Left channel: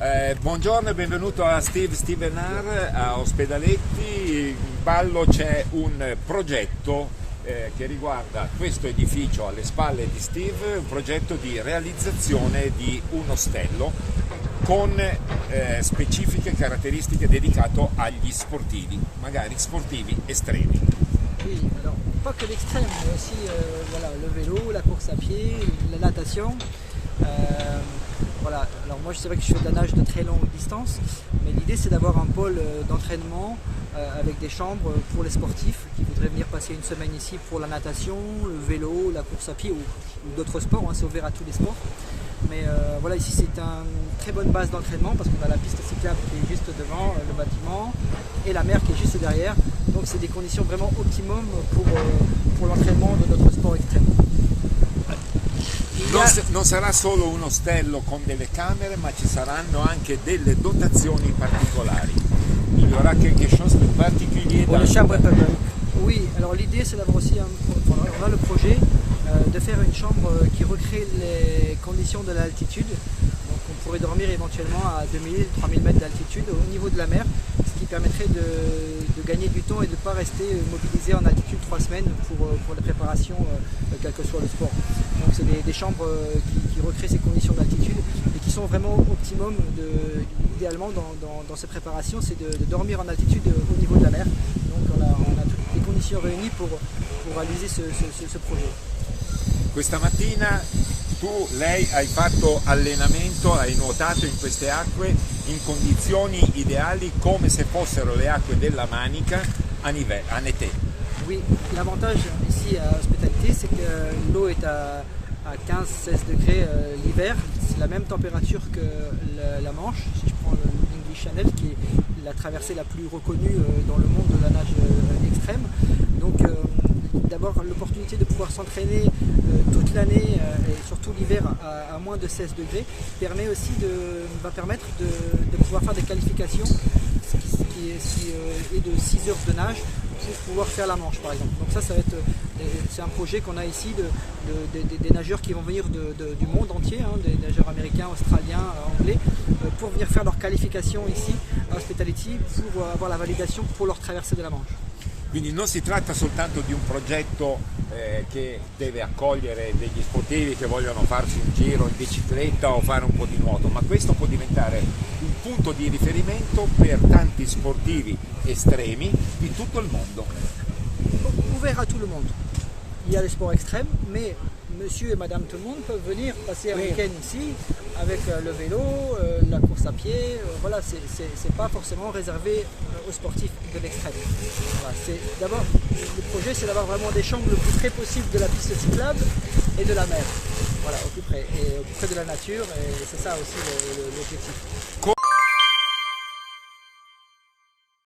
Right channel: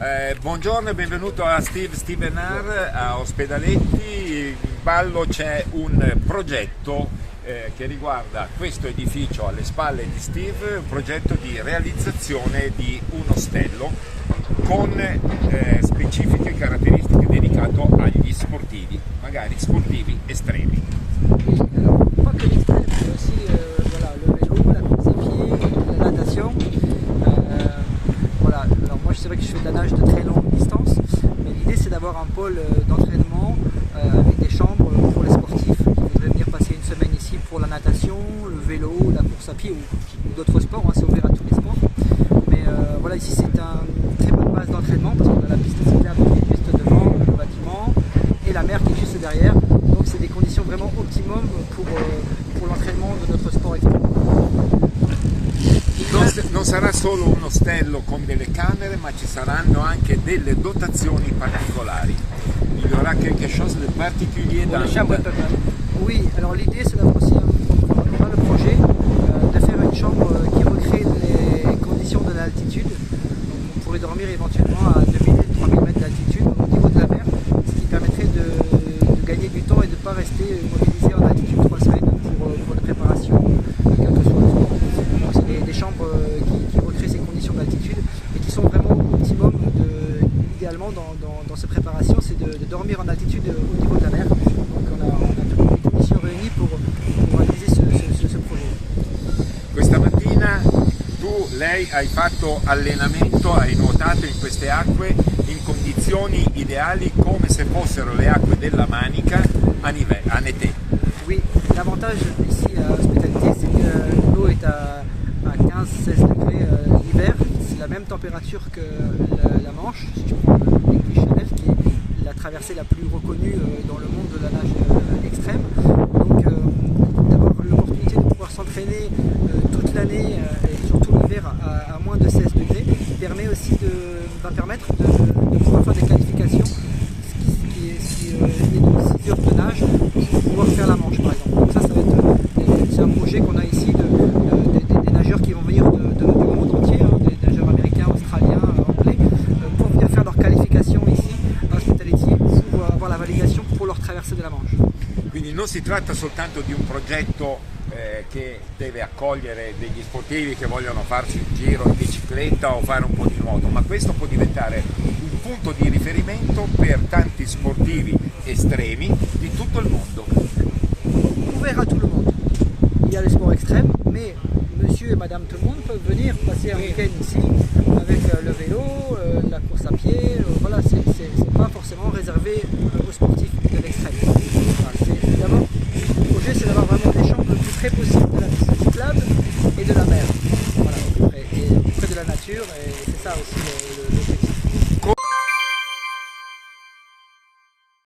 Buongiorno e benvenuto a Stevenar a Ospedaletti. In ballo c'è un progetto che riguarda questo edificio alle spalle di Steve, un progetto di realizzazione di un ostello con specifiche caratteristiche dedicato agli sportivi, magari sportivi estremi. Oui, alors pas que l'extrême, mais aussi voilà, le vélo, la course à pied, la natation. Voilà, alors moi c'est vrai que je fais de la nage de très longue distance, mais l'idée c'est d'avoir un pôle d'entraînement avec des chambres pour les sportifs qui voudraient venir passer une semaine ici pour la natation, le vélo, la course à pied ou d'autres sports, hein, c'est ouvert à tous les sports. Mais voilà, ici c'est une très bonne base d'entraînement parce qu'on a la piste cyclable qui est juste devant le bâtiment et la mer qui est juste derrière. Donc c'est des conditions vraiment optimum pour l'entraînement de notre sport extrême. Non sarà solo un ostello con delle camere, ma ci saranno anche delle dotazioni particolari. Il y aura quelque chose de particulier dans le chambre. Oui, alors l'idée c'est d'avoir aussi on a le projet de faire une chambre qui recrée les conditions de l'altitude. Donc on pourrait dormir éventuellement à 2000-3000 mètres d'altitude au niveau de la mer, ce qui permettrait de gagner du temps et de ne pas rester mobilisé en altitude 3 semaines pour les préparations, quel que soit le sport. Donc c'est des chambres qui recréent ces conditions d'altitude et qui sont vraiment optimum. Idéalement dans ces préparations, c'est de dormir en altitude au niveau de la mer. Donc on a toutes les conditions réunies pour réaliser ce projet. Questa mattina lei hai fatto allenamento, hai nuotato in queste acque in condizioni ideali come se fossero le acque della Manica en été. Oui, l'avantage ici à Hospitalité, c'est que l'eau est à 15-16 degrés l'hiver. C'est la même température que la Manche. Si tu prends le lac du Chanel, qui est la traversée la plus reconnue dans le monde de la nage extrême. Donc d'abord l'opportunité de pouvoir s'entraîner toute l'année et surtout l'hiver à moins de 16 degrés va permettre de pouvoir faire des qualifications, ce qui est de 6 heures de nage pour pouvoir faire la Manche par exemple. Donc ça va être c'est un projet qu'on a ici des nageurs qui vont venir du monde entier, hein, des nageurs américains, australiens, anglais, pour venir faire leur qualification ici à Hospitalité pour avoir la validation pour leur traversée de la Manche. Quindi non si tratta soltanto di un progetto che deve accogliere degli sportivi che vogliono farsi un giro in bicicletta o fare un po' di nuoto, ma questo può diventare un punto di riferimento per tanti sportivi estremi di tutto il mondo. Ouvert à tout le monde. Il y a les sports extrêmes, mais monsieur et madame tout le monde peuvent venir passer un week-end ici avec le vélo, la course à pied. Voilà, c'est pas forcément réservé aux sportifs de l'extrême. Voilà, d'abord, le projet c'est d'avoir vraiment des chambres le plus près possible de la piste cyclable et de la mer. Voilà, au plus près de la nature, et c'est ça aussi l'objectif.